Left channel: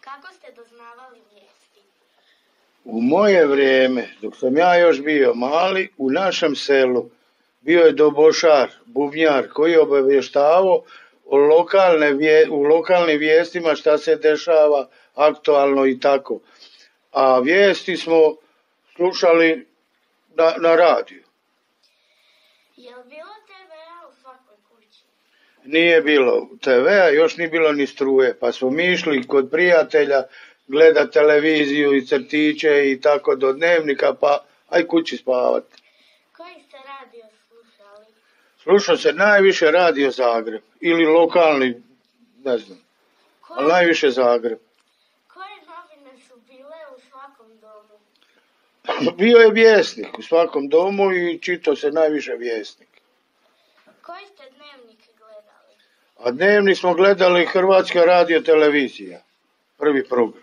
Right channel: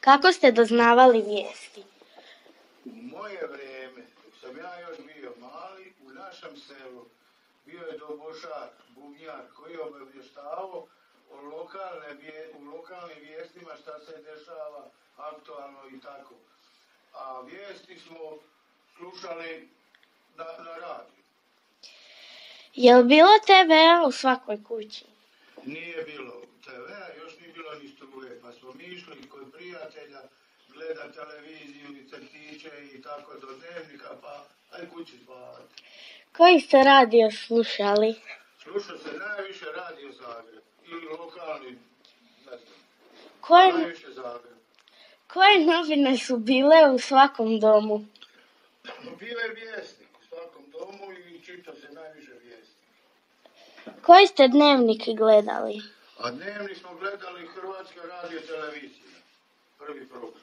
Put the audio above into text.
Kako ste doznavali vijesti? U moje vrijeme, dok sam ja još bio mali, u našem selu bio je dobošar, bubnjar, koji je obavještavao u lokalnim vijestima šta se dešava aktualno i tako. A vijesti smo slušali na radiju. Je li bilo TV-a u svakoj kući? Nije bilo TV-a, još nije bilo ni struje, pa smo mi išli kod prijatelja gledat televiziju i crtiće i tako do dnevnika, pa aj kući spavat. Koji ste radio slušali? Slušao se najviše Radio Zagreb ili lokalni, ne znam, najviše Zagreb. Koje novine su bile u svakom domu? Bio je Vjesnik u svakom domu i čitao se najviše Vjesnik. Koji ste dnevnik gledali? A dnevnik smo gledali Hrvatska radio televizija, prvi program.